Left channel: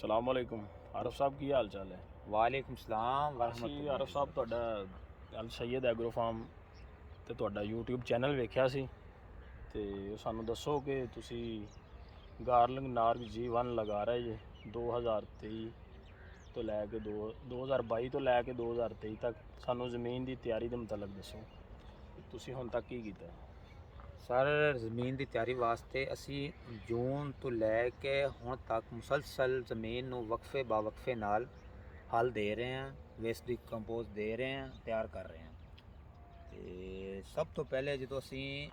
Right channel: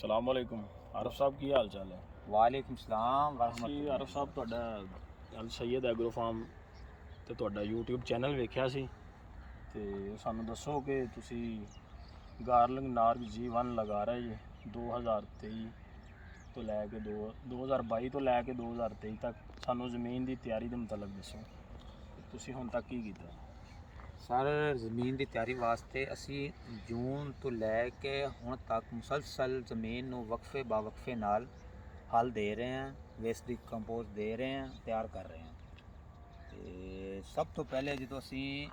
अस्सलाम वालेकुम आरफ साहब की हाल चाल है। ਵਾਲੇਕੁਮ ਸਲਾਮ ਅਸੀਂ ਵਰਹਮਤੁल्लाह। ਆਰਫ ਸਾਹਿਬ ਤੁਹਾਡਾ ਅਲ ਸੈਦ ਐਗਰੋ ਫਾਰਮ ਤੇ ਤੁਹਾਡਾ YouTube ਚੈਨਲ ਵੇਖਿਆ ਸੀ ਤੇ ਸਾਨੂੰ ਦੱਸੋ ਕਿ ਤੁਸੀਂ ਗਾਰਲਿੰਗ ਨਾਰਗ G1 ਲਗਾ ਰਹੇ ਜੀ 2023 ਤੋਂ ਲੈ ਕੇ 2022 ਤੋਂ ਲੈ ਕੇ 2023 ਤੱਕ। ਸਾਨੂੰ ਜ਼ਮੀਨ ਦੀ ਤਿਆਰੀ ਦੇ ਮੁਤਲਕ ਦੱਸੋ ਤੁਸੀਂ ਹੁਣ ਤੱਕ ਕੀ ਕੀਤਾ। ਸਰ ਜ਼ਮੀਨ ਦੀ ਤਿਆਰੀ ਵਾਸਤੇ ਅਸੀਂ ਜੂਨ ਤੋਂ ਲੈ ਕੇ ਹੁਣ ਤੱਕ ਮੁਸਲਸਲ ਜ਼ਮੀਨ ਨੂੰ ਵਕਫੇ ਬਾ ਵਕਫੇ ਨਾਲ ਹਲ ਦੇ ਰਹੇ ਹਾਂ, ਵੇਸਟ ਡੀਕੰਪੋਜ਼ ਦੇ ਰਹੇ ਹਾਂ, ਤਿਆਰ ਕਰ ਰਹੇ ਹਾਂ। ਤੇ ਸਭ ਤੋਂ ਪਹਿਲੇ ਜਦੋਂ ਅਸੀਂ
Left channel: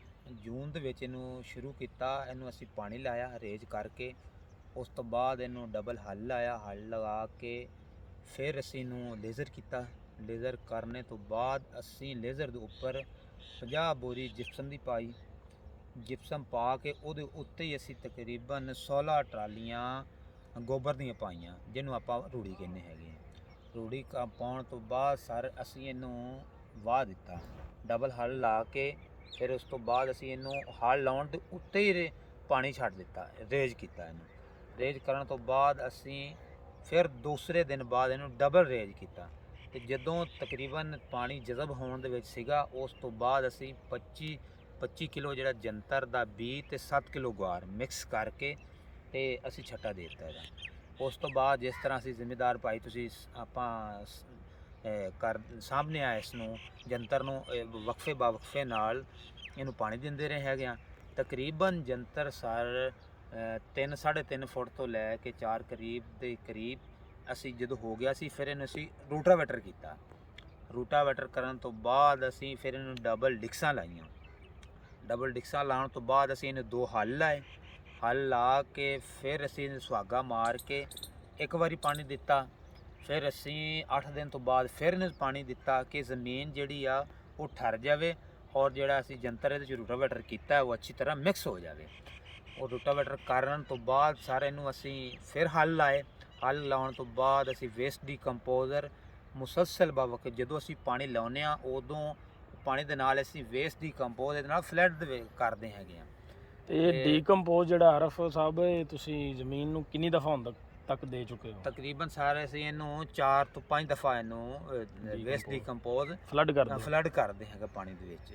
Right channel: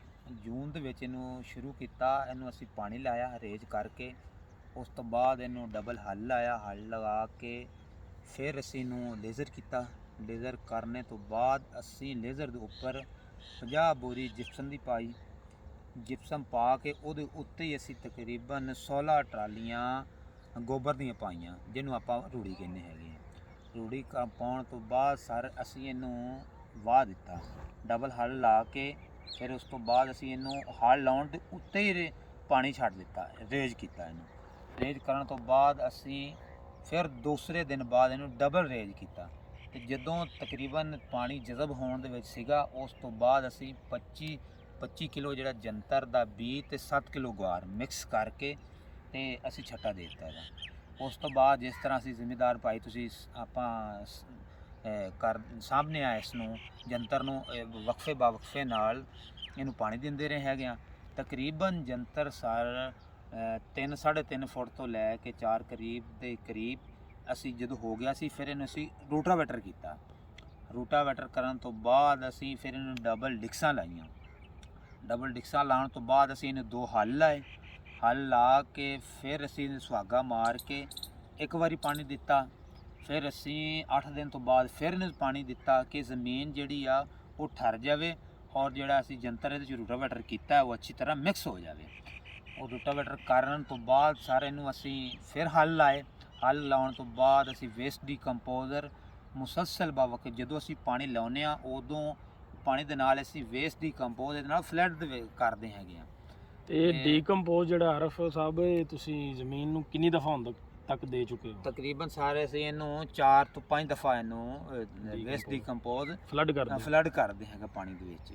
ਜੂਨ ਦੇ ਵਿੱਚ ਇਹਨੂੰ ਸ਼ੁਰੂ ਕੀਤਾ, ਇਹਨੂੰ ਅਸੀਂ ਪਾਣੀ ਲਾਇਆ ਰੇਜ ਕਰਕੇ। ਉਸ ਤੋਂ ਬਾਅਦ ਇਹਨੂੰ ਡਬਲ ਹਲ ਲਾਇਆ, ਹਲ ਲਗਾ ਕੇ ਫਿਰ ਅਸੀਂ ਇਹਨੂੰ ਲੇਜ਼ਰ ਕੀਤਾ। ਲੇਜ਼ਰ ਕਰਨੇ ਤੋਂ ਬਾਅਦ ਅਸੀਂ ਲੇਜ਼ਰ ਦੇ ਉੱਪਰ 50 ਬੋਰੀ ਜਿਪਸਮ ਦੀ ਪਾਈ। ਜਿਪਸਮ ਪਾ ਕੇ ਉਹਦੇ ਉੱਤੇ ਹੀ ਅਸੀਂ ਤਕਰੀਬਨ 16 ਟਰਾਲੀਆਂ ਗੋਬਰ ਦੀਆਂ ਪਾਈਆਂ, ਜਿਹਨੂੰ ਆਪਾਂ ਰੂੜੀ ਕਹਿੰਦੇ ਹੈਗੇ। ਰੂੜੀ ਪਾਉਣ ਤੋਂ ਬਾਅਦ ਸਰ ਅਸੀਂ ਇਹਨੂੰ ਵਾਹ ਦਿੱਤਾ ਡਬਲ ਹਲ ਲਾ ਕੇ। ਫਿਰ ਉਸ ਤੋਂ ਬਾਅਦ ਅਸੀਂ ਇਹਨੂੰ ਹਲ ਲਾਉਣ ਦੇ ਉੱਤੇ ਹੀ ਪਾਣੀ ਛੱਡ ਦਿੱਤਾ, ਰੇਜ ਕੀਤਾ ਇਹਨੂੰ। ਰੇਜ ਕਰਨ ਤੋਂ ਬਾਅਦ ਅਸੀਂ ਫਿਰ ਦੂਸਰੇ ਦਿਨ ਬਾਅਦ ਇਹਨੂੰ ਡਬਲ ਰੇਜ ਕੀਤਾ। ਤੇ ਜਦੋਂ ਤਕਰੀਬਨ ਪਾਣੀ ਜਜ਼ਬ ਹੋਣ ਦੇ ਵਿੱਚ ਸੀਗਾ, ਉਸ ਤੋਂ ਬਾਅਦ ਅਸੀਂ 25 ਕਿਲੋ ਜਿਹੜਾ ਜੰਤਰ ਦਾ ਬੀਜ ਤੇ 7 ਕਿਲੋ ਗੁਆਰ ਮਿਕਸ ਕਰਕੇ ਤੇ ਅਸੀਂ ਛੱਟਾ ਦੇ ਦਿੱਤਾ ਇਹਦਾ। ਉਸ ਤੋਂ ਬਾਅਦ ਜਿਸ ਤਰ੍ਹਾਂ ਅਸੀਂ ਜ਼ਿੰਮੇਦਾਰ ਭਾਈ ਤੁਸੀਂ ਆਪਾਂ ਕਰ ਸਾਹਮਣੇ ਆ ਇਸ ਨੂੰ ਜੰਤਰ ਨੂੰ ਵਕਫੇ ਬਾ ਵਕਫੇ ਨਾਲ ਇਹਨੂੰ ਪਾਣੀ ਦਿੰਦੇ ਰਹੇ ਹੈਗੇ ਆ। ਤਕਰੀਬਨ ਜੰਤਰ ਸਰ 3.5 ਫੁੱਟ ਤੋਂ ਲੈ ਕੇ 4 ਦੇ ਕਰੀਬ ਅਸੀਂ ਜਦੋਂ ਹੋ ਗਿਆ ਸੀ, ਫਿਰ ਇਹਨੂੰ ਅਸੀਂ ਰੂਟਾਵੇਟਰ ਕੀਤਾ। ਰੂਟਾਵੇਟਰ ਕਰਨ ਤੋਂ ਬਾਅਦ ਅਸੀਂ ਫਿਰ ਇਹਨੂੰ ਡਬਲ ਡਿਕਸਾਂ ਲਾਈਆਂ। ਡਬਲ ਡਿਕਸਾਂ ਲਾਉਣ ਤੋਂ ਬਾਅਦ ਅਸੀਂ ਇਹਨੂੰ 2 ਹਲ ਲਾਏ। ਹਲ ਲਾ ਕੇ ਫਿਰ ਅਸੀਂ ਇਹਨੂੰ ਸੁਹਾਗਾ ਮਾਰ ਕੇ ਇੱਕ ਵਾਰੀ ਪਾਣੀ ਦਿੱਤਾ। ਫਿਰ ਅਸੀਂ 8 ਦਿਨ ਤੋਂ ਬਾਅਦ ਫਿਰ ਇਹਨੂੰ ਪਾਣੀ ਦਿੱਤਾ ਕਿ ਜ਼ਮੀਨ ਜਿਹੜੀ ਆ ਉਹ ਠਰ ਜਾਵੇ ਔਰ ਜਿਹੜਾ ਅਸੀਂ ਜੰਤਰ ਇਹਦੇ 'ਚ ਰੂਟਾਵੇਟਰ ਕੀਤਾ ਉਹ ਅੱਛੀ ਤਰ੍ਹਾਂ ਮਿਕਸ ਹੋ ਜਾਵੇ। ਉਹ ਰੂਟਾਵੇਟਰ ਕਰਨ ਤੋਂ ਬਾਅਦ ਸਾਰੇ ਨੂੰ ਅਸੀਂ ਫਿਰ ਹਲ ਲਾਏ। ਹਲ ਲਾਉਣ ਤੋਂ ਬਾਅਦ ਅਸੀਂ ਵੇਸਟ ਡੀਕੰਪੋਜ਼ਰ ਮੁਸਲਸਲ ਬਾ ਵਕਤ ਜਦੋਂ ਅਸੀਂ ਪਾਣੀ ਲਾਉਂਦੇ ਹਾਂ, ਉਦੋਂ ਪਾਣੀ ਦੇ ਨਾਲ ਅਸੀਂ ਵੇਸਟ ਡੀਕੰਪੋਜ਼ ਇਹਦੇ ਨਾਲ ਫਲੱਡ ਕਰਦੇ ਹੈਗੇ ਆ। ਇਹ ਡੀਕੰਪੋਜ਼ ਜਿਹੜਾ ਆਰਫ ਸਾਹਿਬ ਇਹ ਤੁਸੀਂ ਜ਼ਮੀਨ ਨੂੰ ਕਿੰਨੀ ਦਫਾ ਹੁਣ ਤੱਕ ਦੇ ਚੁੱਕੇ ਹੋ। ਤਕਰੀਬਨ ਸਾਰੇ ਅਸੀਂ ਇਹਨੂੰ 4 ਤੋਂ 5 ਦਫਾ ਇਹਨੂੰ ਵੇਸਟ ਡੀਕੰਪੋਜ਼ ਫਲੱਡ ਕਰਦੇ ਹੈਗਾ ਪਾਣੀ ਦੇ ਵਿੱਚ।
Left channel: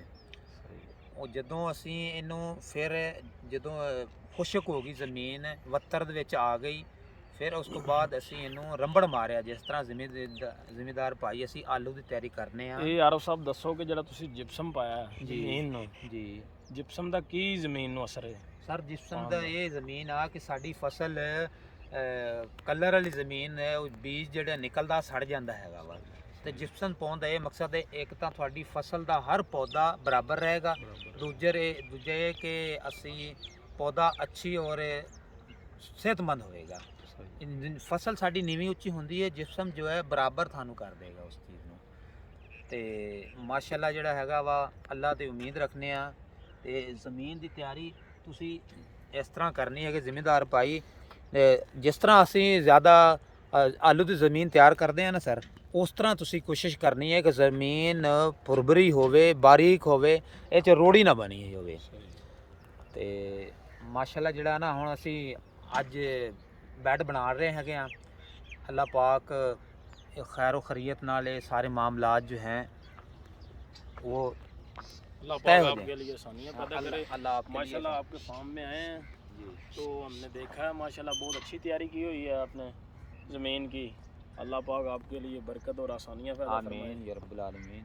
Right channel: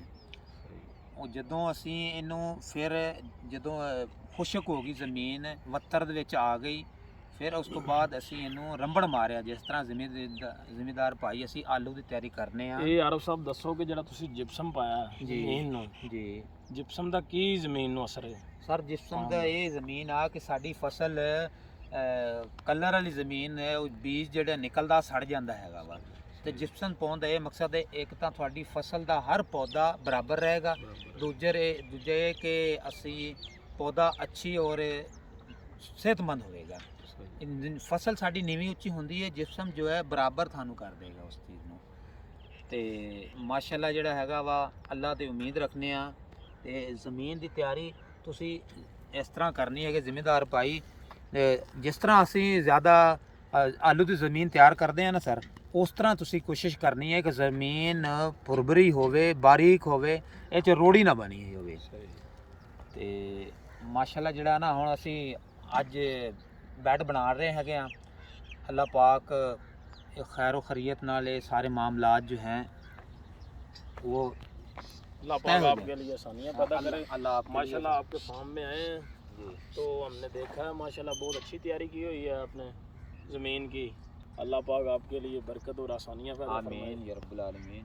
ਉਹ ਜਦੋਂ ਅਸੀਂ ਇਹਨੂੰ ਫਿਰ ਜਦੋਂ ਖੁਸ਼ਕ ਹੋ ਗਈ ਜ਼ਮੀਨ, ਵੱਤਰ ਦੇ ਵਿੱਚ ਆ ਗਈ, ਫਿਰ ਉਸ ਤੋਂ ਬਾਅਦ ਅਸੀਂ ਇਹਨੂੰ ਰੰਬੜ ਮਾਰਿਆ। ਜਿਸ ਤਰ੍ਹਾਂ ਜ਼ਿਮੀਦਾਰ ਭਾਈ ਅਸੀਂ ਆਲੂ ਦੀ ਤਿਆਰੀ ਕਰਨੇ ਆ। ਇਹ ਆਰਫ ਸਾਹਿਬ ਦੱਸੋ ਕਿ ਜਿਹੜਾ ਤੁਸੀਂ ਜਿਪਸਮ ਪਾਇਆ ਜ਼ਮੀਨ ਨੂੰ, ਜੀ ਜਿਪਸਮ ਦਾ ਕੀ ਜ਼ਮੀਨ ਨੂੰ ਅਸਰ ਹੈ। ਸਰ ਜਿਪਸਮ ਦਾ ਇਹ ਜ਼ਮੀਨ ਆ ਕਿ ਸਾਡੀ ਫਸਲ ਕਲਰ ਵਾਲੀ ਜ਼ਮੀਨ ਹੈ, ਉਹ ਬੀਜ ਜਿਹੜਾ ਨਿਕਲਦਾ ਸੜ ਜਾਂਦਾ ਹੈਗਾ ਵਾ। ਤੇ ਜਿਪਸਮ ਪਾਉਣ ਦਾ ਇਹ ਮਕਸਦ ਹੈ, ਇੱਕ ਤਾਂ ਤੁਹਾਡੀ ਫਸਲ ਦਾ ਹਰ ਪੌਦਾ ਬਰਾਬਰ ਰਹੇਗਾ, ਦੂਜੇ ਕਿ ਅਸੀਂ ਪੌਦਾ ਅੱਛੀ ਔਰ ਸਿਹਤਮੰਦ ਹੋਵੇਗਾ। ਫਸਲ ਸਾਡੀ ਨੀਵੀਂ ਉੱਚੀ ਹੁੰਦੀ ਹੈ, ਜਿਪਸਮ ਜੋ ਹੈ ਬਰਾਬਰ ਤੁਹਾਨੂੰ ਕਰ ਦੇਗਾ ਉਸ ਚੀਜ਼ ਨੂੰ। ਤੇ ਮਾਸ਼ਾਅੱਲਾ ਜਿਹੜਾ ਹੈਗਾ ਵਾ ਅੱਲਾ ਤੇ ਉਮੀਦ ਰੱਖਨੇ ਆ। ਤੇ ਜ਼ਮੀਨ ਦੀ ਤਿਆਰੀ ਤੁਸੀਂ ਇਸ ਤਰ੍ਹਾਂ ਕਰਨੀ ਹੈ ਕਿ ਜ਼ਿਮੀਦਾਰ ਭਾਈ ਜਿਸ ਤਰ੍ਹਾਂ ਅਸੀਂ ਜ਼ਿਆਦਾ ਆਲੂ ਦੀ ਜ਼ਮੀਨ ਤਿਆਰ ਕਰਦੇ ਹਾਂ ਨਾ ਸਰ, ਉਸ ਤਰ੍ਹਾਂ ਤੁਸੀਂ ਕੋਸ਼ਿਸ਼ ਕਰਨੀ ਹੈ ਕਿ ਜ਼ਮੀਨ ਭੁਰਭਰੀ ਹੋਵੇ, ਬਾਰੀਕ ਹੋਵੇ, ਇਹ 'ਚ ਰੋੜੀ ਨਾ ਬਣੀ ਹੋਵੇ। ਤੇ ਮਾਸ਼ਾਅੱਲਾ ਜਿਹੜਾ ਨਾ ਹੁਣ ਅਸੀਂ ਅੱਜ ਬੈੱਡ ਬਣਾ ਰਹੇ ਹੈਗੇ ਆ। अल्लाह पाक खैर खैरियत नाल सारे मामलात जो हैं वो अल्लाह पाक आपके लिए आसानियाँ पैदा करे। माशाल्लाह आपके फार्म में आए हैं जी, तो हमने देखा है माशाल्लाह बहुत अच्छी तैयारी की हुई है आपने ज़मीन की। अल्लाह पाक आपके लिए बरकत और आसानियाँ पैदा फरमाए। आमीन या रब्बुल आलमीन।